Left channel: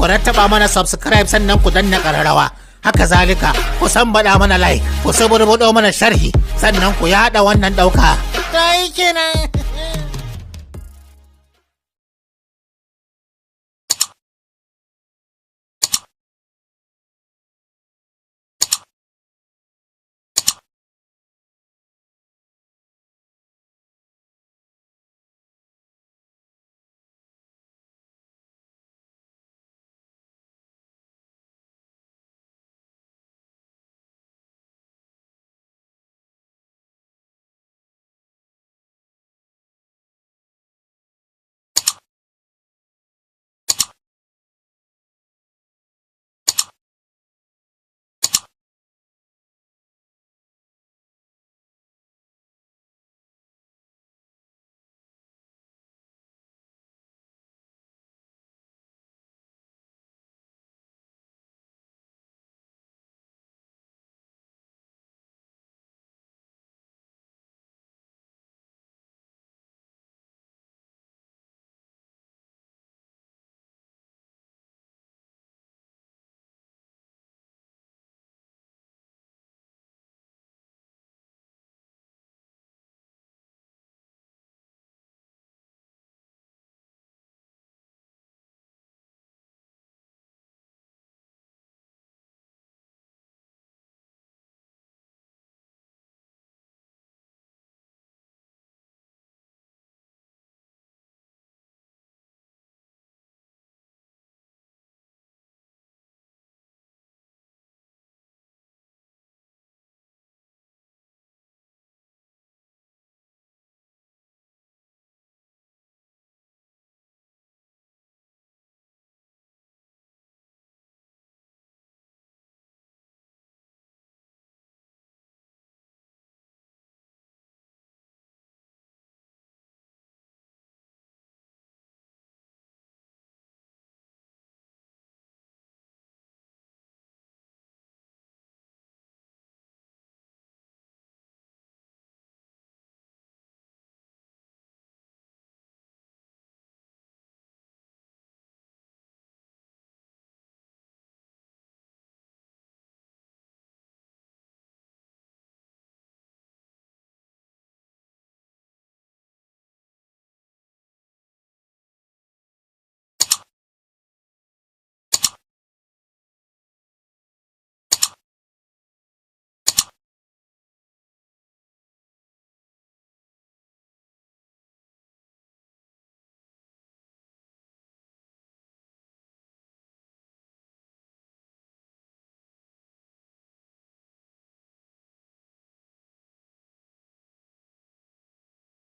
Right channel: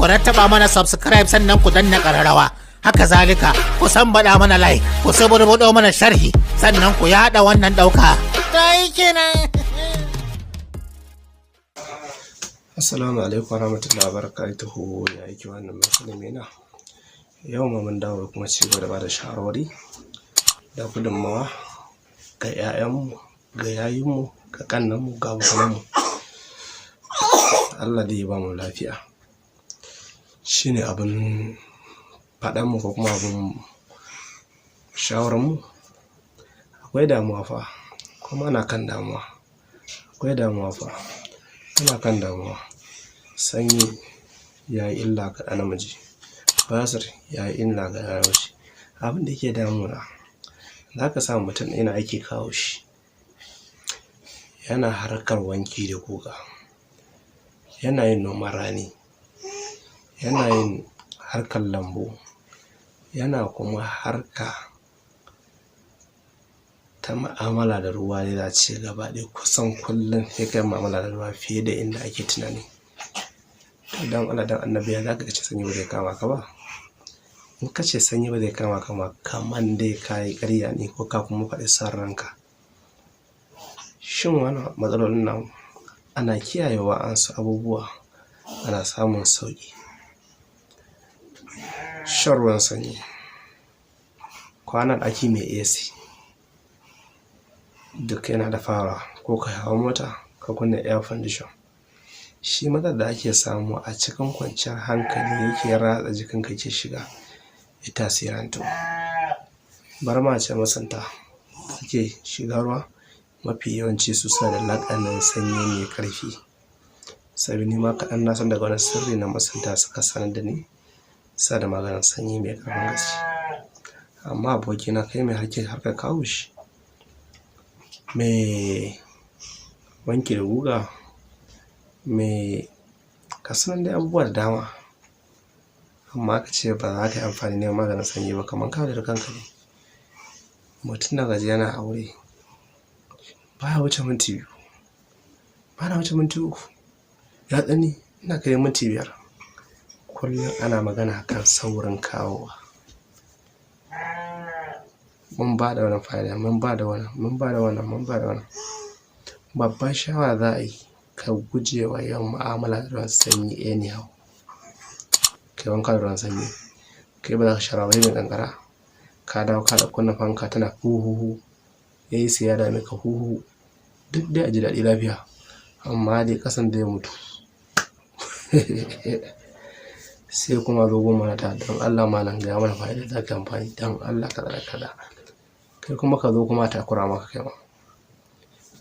ku rattaba mana subscribe sannan ku danna ƙararrawa. Haka zalika ku baɗa mana like, ku saburbuɗo mana sharhi sannan ku yaɗa wannan ɗauka. Dai kenan. Assalamu alaikum warahmatullahi wabarakatuhu. Ya yake wannan musulmi na. Yau ma mun dawo kuma ci gaba da bada shawarwari da gudunmawa ga 'ya'yanmu, ga yayinmu, ga kannanmu, ga abokanmu. Allah dai ya ba mu lafiya. Shine abin faɗanmu ko kuma abin shawararmu. Akwai damuwa fa, kuma ana kan damuwa. Akwai damuwa fa, ana kan damuwa. Sanyi ya yi illa ga ɗa namiji, basir ya yi illa ga namiji. Abin da yake damuna, za ka samu mutum yana aiki kawo shi, yana harkar wanki da guga, yana yin noman rani, yana yin harkar lambu, yana kuma harka ta ma'amala da ruwa. Ne za ce gaba ɗaya kusan kullum sai kai ma'amala da ruwa fiye da inda ake tunani. To dan Allah dan annabi ya za ka ce sanyi ba zai kama ka ba? In ka ce sanyi ba zai kama ka ma, kaman dai ka yi ƙarya ne ko ka kuma faɗi son ranka. Shin wannan matsalolin nan ana kiyayewa an su abubuwa, ana samun sauƙi. Shan ruwan sanyi, kwana ɗaki mai AC, duk yana da fara. Ko ka hawa mota ka kunna air condition, shi matsar da ake samu a cikin kwanciyar hankali yake ratsa jikinka ke shiga ya tasirantu. Bar ma ce masanta suke shiga ruwa, mafi yawanci su suna da laƙanin sanyi mai ƙarfi. Saboda ni ma kaɗan na san daga wani sirri na masanta suka sanar da ni, sa da maganin sanyi mai ƙarfin gaske. Amma abokina kai mai harkar kawo shi, mai wanki da guga, mai kasuwan dai abubuwa da dama, amma ka ce ba za ka yi amfani da maganin sanyi ba, kamar ka da kanka ne. Mutum da gaji yana aure baya wuce minti 2, bana wuce minti 3, ya tsani ina kai minti 5. Kullum ana magana kan saurin kawowa. Mun ba da wannan fa'ida, mun ba da wannan. Babban shawara za a yi, ka guje wa yawan mu'amala da ruwan sanyi anyhow. Kai wanka da ruwan sanyi, kai ba za ka shara wani da ƙanƙara. Ka dawo ka kunna fanka tana huhuhu, AC ya dame ka huhu, duk dai a ji daɗi lafiya, amma dai ƙasan zai mutu. Sai kuma zo goma ta don Allah malam gaya mana fa'ida za ka amfani don Allah kaza. Kai kuma ka zo kuma takura maka kai ma.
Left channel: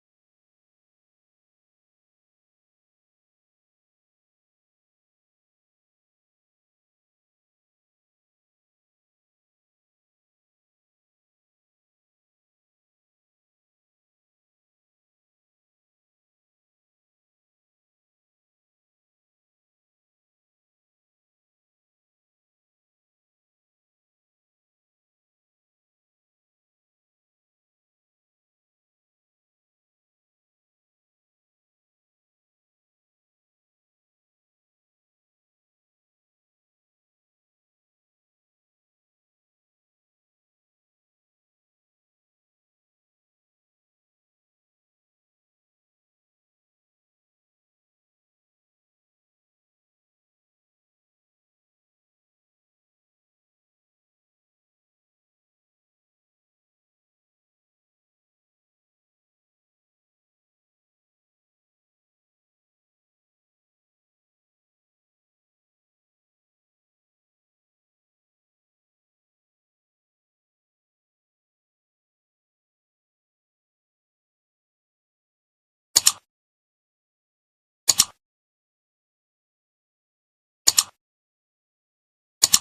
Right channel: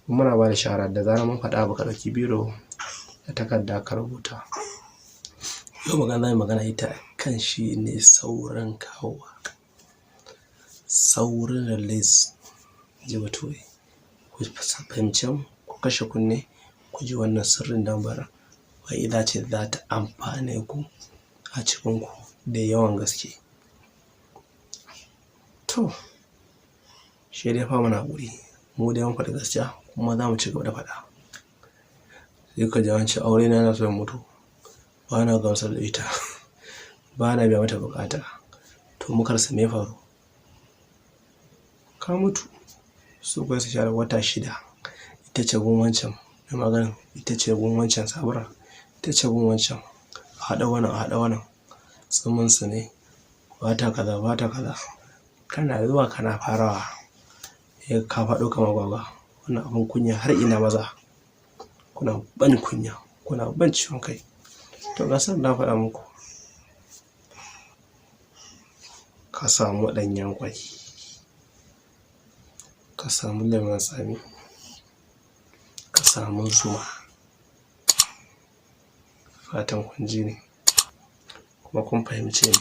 Muna ba da shawara da zarar mun faɗa abu ka ɗauki biro da takarda ka rubuta. Yau magana ita kan shi ne saurin kawowa, saurin release. Ji bature, ku fahimci mu, ku kashe kunne, ku ji wannan sirrin dambar fa'ida ce za ta amfane ku a cikinku da yawan gaske. To, shi dai fa muna haƙuri, mu dai mun faɗi gaskiya kuma za mu ci gaba da faɗa. Sai ka ji an ce aure na yana so ya mutu, ba na gamsar da ita, ba na biya mata buƙata. To muka rasa me faru? Ka mutu. Su kuwa su share wata 6, ita ce gun wancan mai maganin, ita ce gun wancan sabura, ita ce gun wancan, a haɗa wannan tsuminsu ne, ba ta kaza. Kana zuwa kana farawa, ya ka faɗo kamar gwagwa. Wannan abin kunya har ina maza, kuna ban kunya, kuna ban ciwon kai. To gasar na faɗa muku, ka samu ɗanyen kwai, ka samu lemon tsami, ka samu zuma. Fatan kun ji ne kuma kun fahimce ni.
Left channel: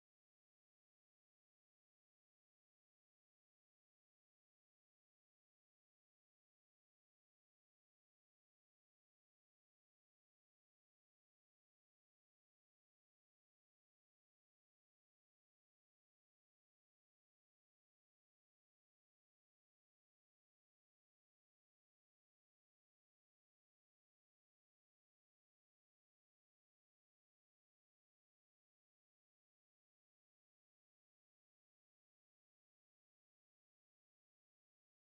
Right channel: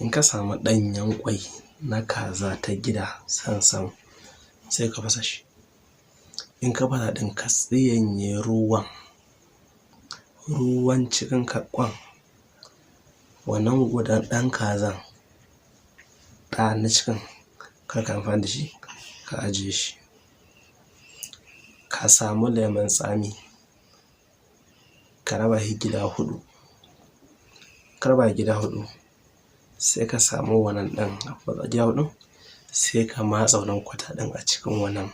In ka samu ɗanyen kwai na kaza ta gida sansan, sai ka fasa shi. In ka fasa ɗin ka tsiyanye ruwan cikin kwan, wannan gudan ɗan kazan ɗa na cikin, kar ka amfani da shi, ka ajiye shi. Ka samu lemon tsami, ka ka raba shi gida huɗu. Ka raba gida huɗu sai ka samu wannan ɗin gida huɗu sai ka matsa wannan kwata ɗin a cikin wannan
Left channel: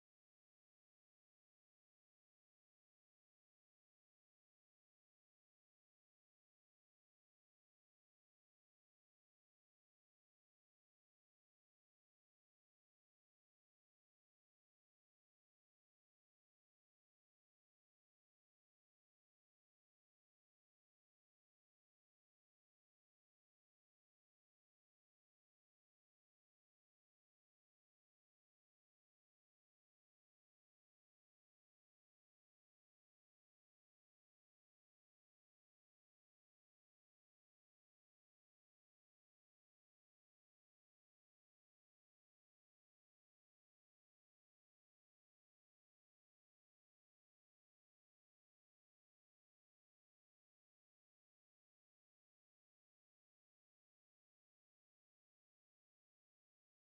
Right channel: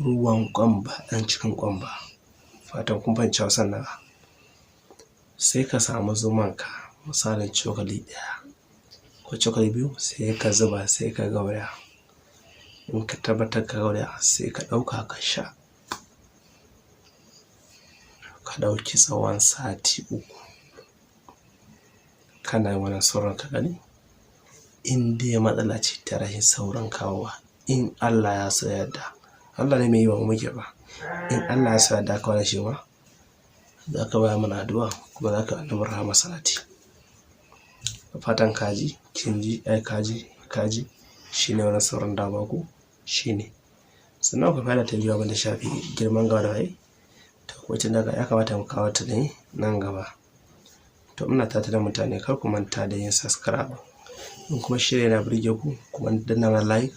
ruwan ƙwamba ɗan cikin ƙwamba. Fatan kun fahimci Hausan nan. Sai ka samu zumanka misalin cokali ɗaya ko cokali biyu sai ka zuba sai ka gauraya. In ka tabbatar ka gauraya sai ka ɗauka ka sha. Ka ɗauki tsawon sati 3 kana yin wannan sauran ka gani. In dai matsala ce ta rashin sauran kawowa, in Allah ya so yadda, Allah ne mai yi wa muke ba, in Allah ya so yadda ka wani shi ma za ka baya mana addu'a kuma za ka annabi rahama salati. Fatan kaji kin ji ai kaji shine wannan sauran da baku shine. Sannan ku fara ta biyu abin da shafi girman gawa da waye. To wacce daga ya kamata mu kawo ta ne nan gaba. To ina tata da mutane kar ku manta da yin subscribe. In kuma shirya yana burge ku kuma danna mana like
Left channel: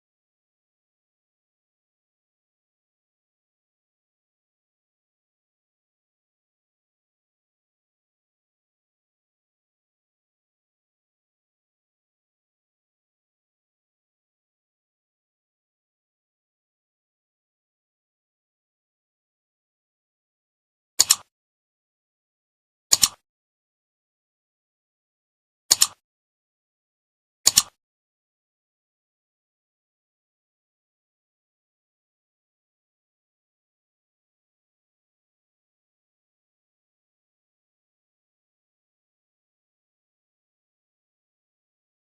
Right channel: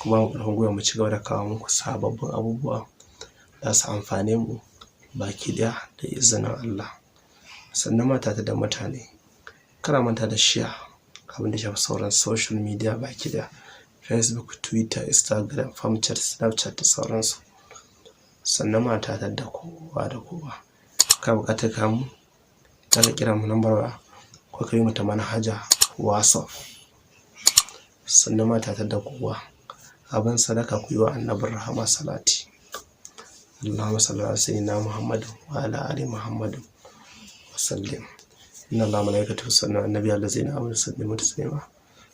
kuma mu ƙarfin gwiwa mu ci gaba da kawo muku sababbin abubuwa za su amfane mu baki ɗaya da izinin Allah. Sannan mata da mutane kar a manta da share abin da shafi sauran social media baki ɗaya, Facebook, Twitter, Instagram, Famchat, Snapchat da sauransu. Sannan mata da kowa da kowa ka buƙatar kamu ka kira mu lambar waya ko ka yi mata manhaja WhatsApp. Sannan mata da kowa abin sadaka ku yi wa annabin rahama salati. Allahumma salli ala sayyidina Muhammad wa ala ali Muhammad wa sallim. Inna Allaha wa malaikatahu yusalluna ala nabiyyi allazina amanu sallimu taslima.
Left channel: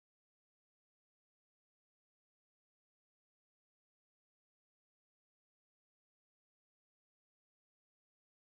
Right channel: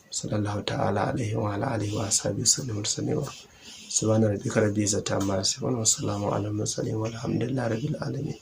Sallallahu ta'ala alaihi wa ala alihi wa ashabihi sallimu taslima. Subhana rabbika rabbil izzati amma yasifun wa salamun alal mursalin walhamdulillahi rabbil alamin.